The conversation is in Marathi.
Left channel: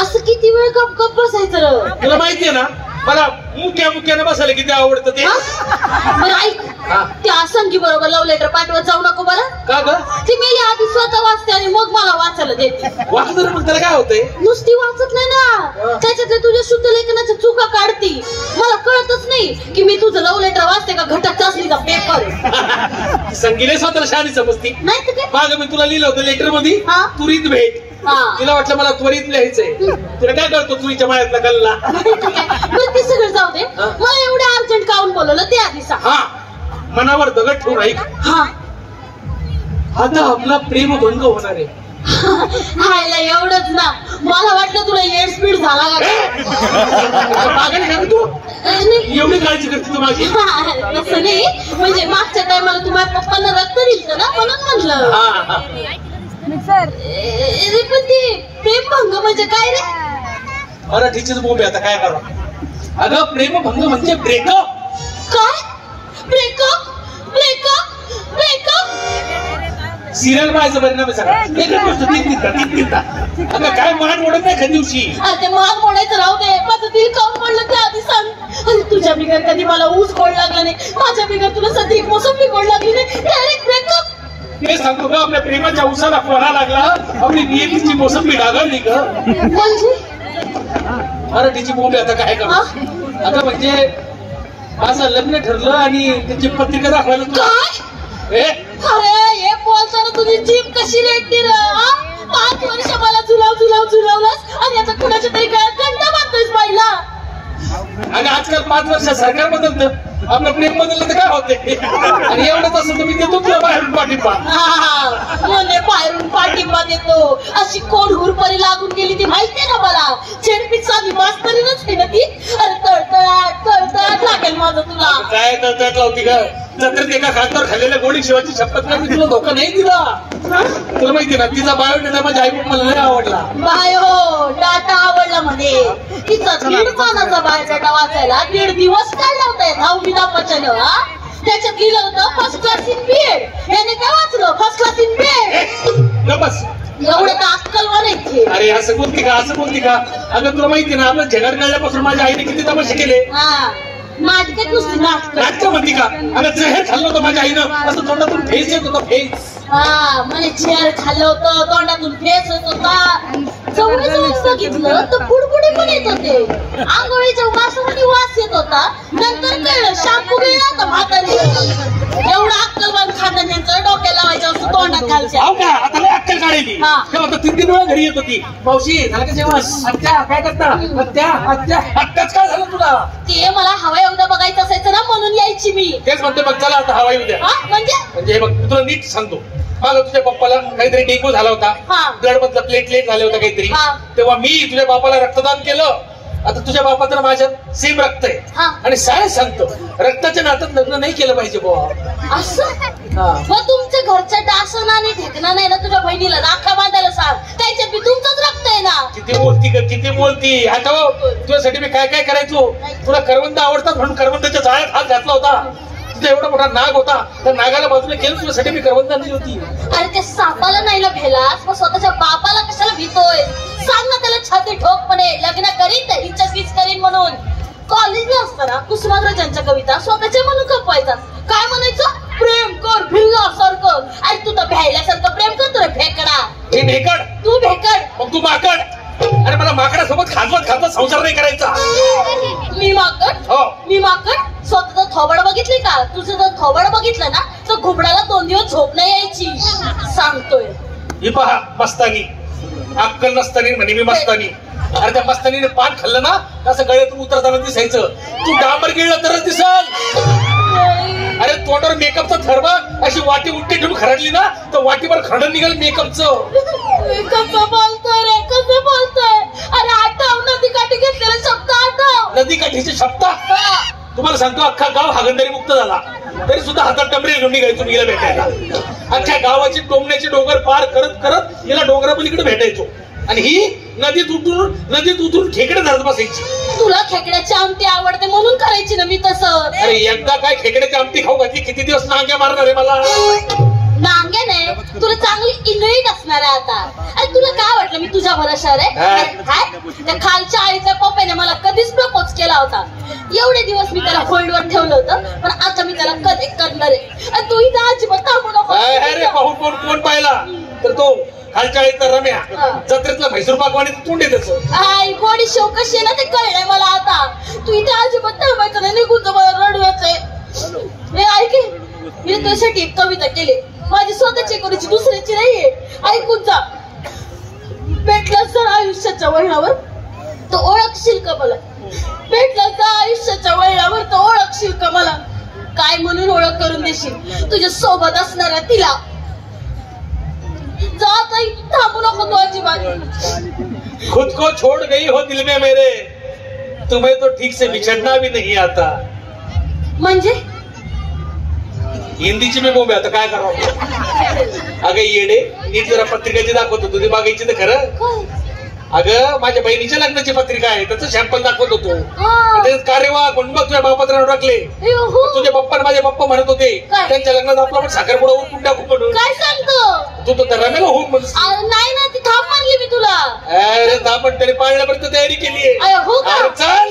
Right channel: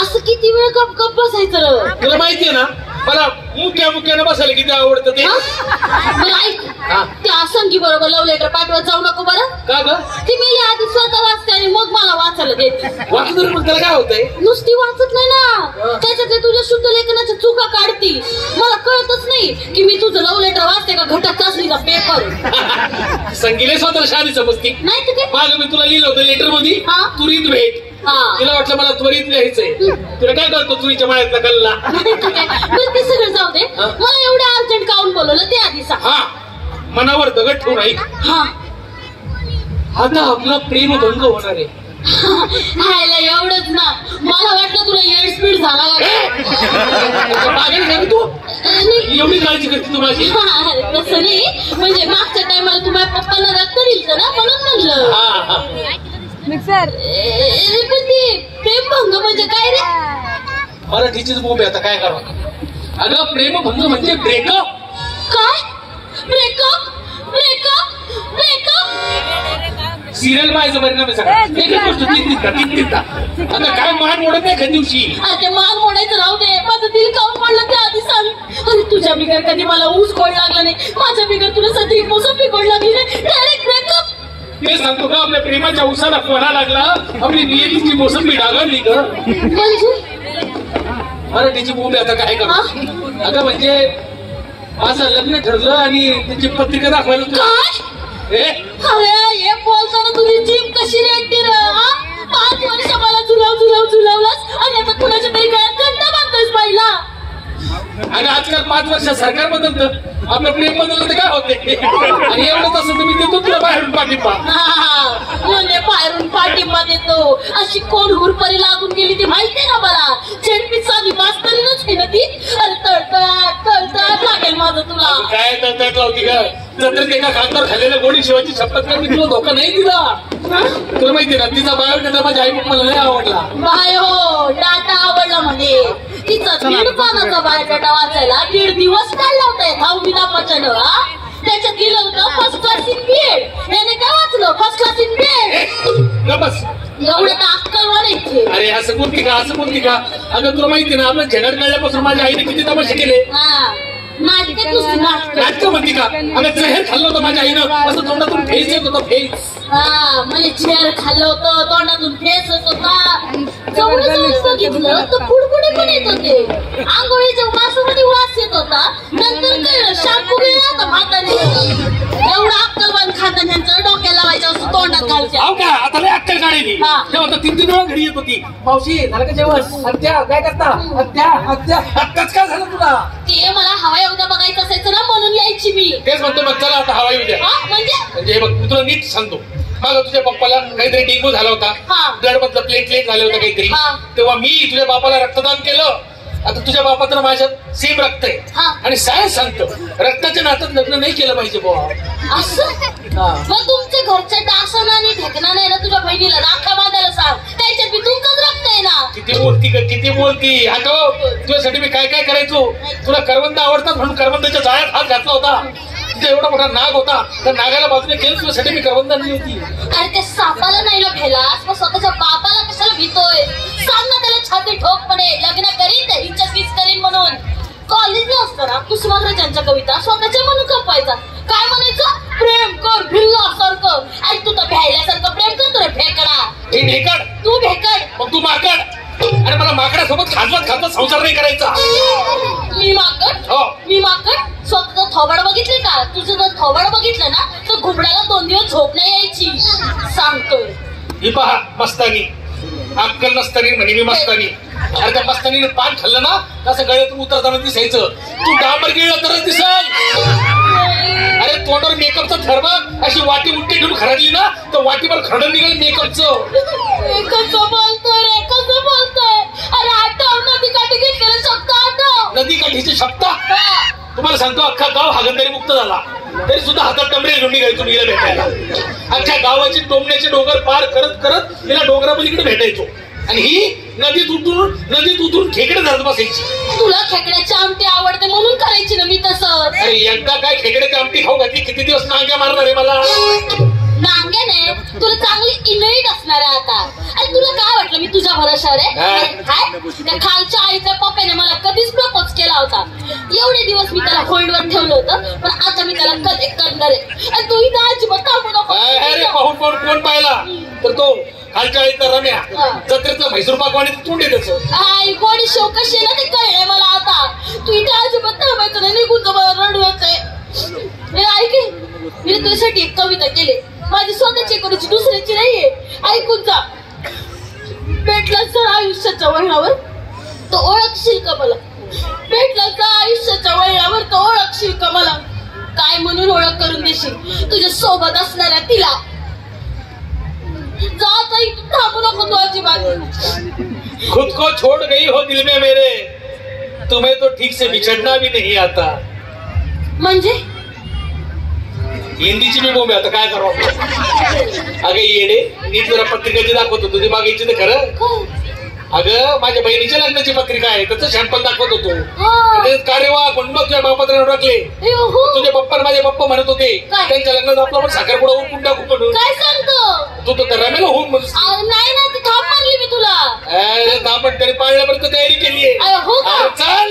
असं किती वेळ गप गप बसायचं र? तुला माहितीये ना मला मुक्यानं बसायला किती आवडतं ते. बरं ऐक, त्या संगी बरोबर लव्ह लेटर पाठवत जाऊ नको बरं. का ग? ती मेली आधी स्वतः वाचते आणि मग मला वाचायला देते. वाचत मग त्याला काय होतंय? नुसती वाचत नाही ना, त्याच्यातले तुझ्या शुद्ध लेखनाच्या चुका काढती. मला कळतच नाही की मी तुझं लव्ह लेटर वाचते का घटक चाचणीचा पेपर. संगीले स्वतःला शाळेत समजती नाही तर काय. मागं मी तुला लिहिलं होतं लेटर मध्ये त्वरित भेट. तिला वाटलं मला त्वरित लिहायचंय. तुला काय कळतो तुझ्या मायातला कल्ला? बरं ते सगळं जाऊ दे, मला एवढं अर्जंट काऊन बोलवलं ते आधी सांग. मनावर दगड ठेवून ऐक. आता आपला प्रेमभंग होणार आहे. हायला एवढंच ना, मला वाटलं तुला एड स्पीड झाला मागे तू एवढी काळजी करते तू माझी? तसं नाही, म्हणजे मागच्या टायमाला तुम्हाला पप्पांना रक्त दिलं ना म्हणून म्हणलं. पण ते प्रेमभंग म्हणजे काय रे? मराठीचीच बोंबे आता काय करा. अगं प्रेमभंग म्हणजे ब्रेकअप. काय? ब्रेकअप ब्रेकअप ब्रेकअप सिरियल पाहायचं परिणाम आहे सगळा. एक गोष्ट तीन अगं काय मान मोडत नाही एखाद दिवशी. अरे मान मोडायचं राहू दे, माझं दिल काऊन पडलं ते आधी सांग. अरे तुझ्या बिगर कधी मला ऊस गोड लागला नाही, माझ्या बिगर तुला सध्या मोसंबी गोड लागली नाही, डायरेक्ट ब्रेकअप. ते सांगतो का आपल्या प्रेमाच्या उसाला फोडा लागला, आपली नियतीची मोसंबी डागळली ग. मराठीची बोंबे आता काय करा. अगं म्हणजे माझं लग्न ठरलं आणि त्याची पत्रिका दाखवायला तुला. अरे हे बोलताना तुझी जीभ कशी रेटते र? 5 वर्ष मला झुलावलास आणि आता कुणाच्या तरी गळ्यात घंटा बांधतोयस बाईला. अगं आजकाल 5 वर्षात सरकार बदलतं, आपलं प्रेम बदललं तर काय होते. आणि एवढंच असं तर मी देतो तुला बाहेरून पाठिंबा. म्हणजे बाहेरून पाठिंबा देतो अशी कोण हुरपरी लागून गेली ती माहितीये ना मला. झेडपीत साधी मास्तरीनच आहे ना ती. अरे तळतळाट लागेल माझं तुला. काय तळतळाट लावती का? जत्रेत एका खासदार खाल्लेल्या गोडी शिवाची शपथ का मी तुला धोका नाही दिला. तुला माहिती ना तिचा बायोडेटा माझ्या आई मला नाही आवडला. बायो डाटा आवडला म्हणे. तिचा 1.5 पानाचा बायोडाटा वाचायला 1.5 दिवस काढला होता. 10वी नापाच्यानं. त्याच्यात लिहिलं होतं फर्स्ट क्लास इन बीएड. याने काय वाचलं? First class in BEd. बस एवढं तर अक्कल वाढायचे. अरे असं बोलती का? असं बोलती का? अगं तुला माहिती ना आपलं झगड काढल्यापासून माझ्या आईने किती तमाशे केले. नाटकात नुसती नाटक म्हणती का? अगं जहर खाल्लं होतं माझ्या आईनं, असं तोंडातून फेस येत होता. फेस म्हणजे चेअर खाल्लं होतं, तोंडातून फेस होत होता. जवळ जाऊन बघितलं तर फुडफुडे पण येत होते. आंघोळीच्या वासामध्ये वास येत होता. नंतर कळलं शॅम्पू गेला होता म्हातारी. एवढा अक्कलवान खातं त्यांचं डोक्याला लावायचं असं तोंडात घालच्या. का आता लय अक्कल काढायली. तेव्हा तर 3 वेळा घरी येत होती. मावशी झालं का जेवण? आत्या काय करता? आत्याच काय झालं तुला? ते मला हवा एवढं बघायचं असायचं ना म्हणून यायची मी. तेच म्हणतो बघ चला आता हवा येऊ द्या. म्हणजे बघ मी तुला नीट सांगतो. मागं तुझ्या पप्पाला काहीतरी डेंगू झाला होता, ब्लड मधलं प्लेटलेट झालं होतं काहीतरी. तेव्हा मी तुझ्या बापाला रक्तदान केलं. आता तुझ्या बापाचं माझ्यात सेम रक्त आहे आणि सायन्स सांगतो रक्ताच्या नात्यात लग्न नाही केलं पाहिजे बुवा. असं मग तुमच्या घरच्या डासना आणि ढेकणा नाही ना तुझ्या बहिणीला राखा बांधायला सांग. त्याच्यात बी तुमचंच रक्त आहे ना. किती बोलती. आता तुझ्यासाठी मी काय काय करायचो. तुला करवंद आवडतात म्हणून करवंदाच्या जाळ्यात हात घातला होता. तुझा एवढा मोठा नाग होता, त्या नागाला बाजूला केलं तुझ्यासाठी मी करवंद आणली होती. अरे त्या सापाला नाही ना भेलास, मग स्वतःच्या बापाला कशाला भीतोय? सांग ना त्याला छाती ठोकपणे लग्न करीन तर हिच्याशीच करीन म्हणून. कॉलेजला असताना कुसुमाग्रजांच्या कविता स्वतःच्या म्हणून कपवायचा. काय म्हणायचं? प्रेम कर भिल्लासारखं. अरे तू तर भ्यायल्यासारखं प्रेम करतो रे फेकडा. हे भेकड तू भेकड. मग तू माकड. अरे मला माकडासोबत खाजवत संसार नाही करायचा. मी माकड? हो मी माकड. स्वतःचं थोबड बघितली का? तुझं जर थोबड बघितलं ना तर घुबडाला 2 दिवस झोप नाही यायची. सांगतोय. ही पहा मस्तानी. अक्कल नसतानी म्हणे मी मस्तानी. अरे त्या मस्तानीने पान खाल्लं ना असं गळ्यातून उतरताना दिसायचं. तू डांबर गिळला तरच दिसल. अरे तोंडावर मेकअपचा थर बघ. अशी वाटी उलटी ठेवून खरडली ना तर वाटीवर खरडून निघाल मेकअपचं. कसं बोलतोय रे? कसं बोलतोय? अरे आठव नदीकाठी घेतलेला शब्द आठव. नदीकाठीचे शब्द तुम्हाला सांगतो अख्खा गाव हागणदारी मुक्त झाला तरी सुद्धा हातात टमरे घेऊन निघायचो मीला भेटायला. अख्ख्या गावाची टोमण्याची डोंगर पार करत करत मीला डोंगरापलीकडे भेटायचो. आणि ही नदीत उतरून खेकडे धरत बसायची. तुला खेकड्याची आमटी आवडते म्हणून करायची ना मी तसं. अरे एकदा काय खेकड्याची आमटी खाऊ घातली किती दिवस नांग्या मारणार आहे मला. नांग्याने तुला चांगली इनरीट असणार आहे आता. आणि तुला काय वाटलं मी तुझ्या भरोशावर आहे? त्या खालच्या आईच्या पप्पाने मला कधीच प्रपोज केला होता. एवढे दिवस मी त्याला होल्डवर ठेवलं होतं, पण आता मी त्याला कधी करणार आहे. आणि तू इथं अजिबात थांबू नको. पाहून पाहून कोण पाहिला तर तो खालच्या आईचा रम्या जत्रेतला म्हैसूर पाकवाने तोंड येतच. आई गोडी शेव कशी आहे ना ते कळलंय मला आता. तू इथे अजिबात थांबायचं नाही, निघून मला रडवायचंय. हे ऐक, मी तुझ्यासाठी एक कविता केली, माझी स्वतःची कोणाची दुसऱ्याची नाहीये. ऐकून जा. भेटला सर आयुष्याच्या वळणावर तो ओळखशील का मला? भेटला का आयुष्याच्या वळणावर तो ओळखशील का मला? काय म्हणून ओळख करून देशील तुझ्या सोबत असणाऱ्या तिला? जा काही थांबू नको तू अजिबात. खुद को छोड़ गई हो दिल में मेरे, तुम्हें तो ठीक से बिछड़ना भी नहीं आता. म्हणजे हिंदीची मी बोंबे आता काय करावं. अगं येडे, नीट जरा पत्रिकाची दाखवतो तुझी मागायची तर खरं. अगं माझ्या बहिणीच्या लग्नाची पत्रिका आहे, त्याचं सॅम्पल दाखवत होतो. कार्यवाह म्हणून मग तुझ्या महापत्रावर टाकले. तुझे पप्पा माझे पप्पा म्हणत होते त्यांच्या लग्नात आपला पण साखरपुडा उरकून टाकू म्हणून. काय सांगतो तू तर रमेला होऊन म्हणून. नाही ना, ती थांब म्हणली मी तुला. अरे थांब, तरी पाळण्यापर्यंत तयारी केली आहे. हो का? चल.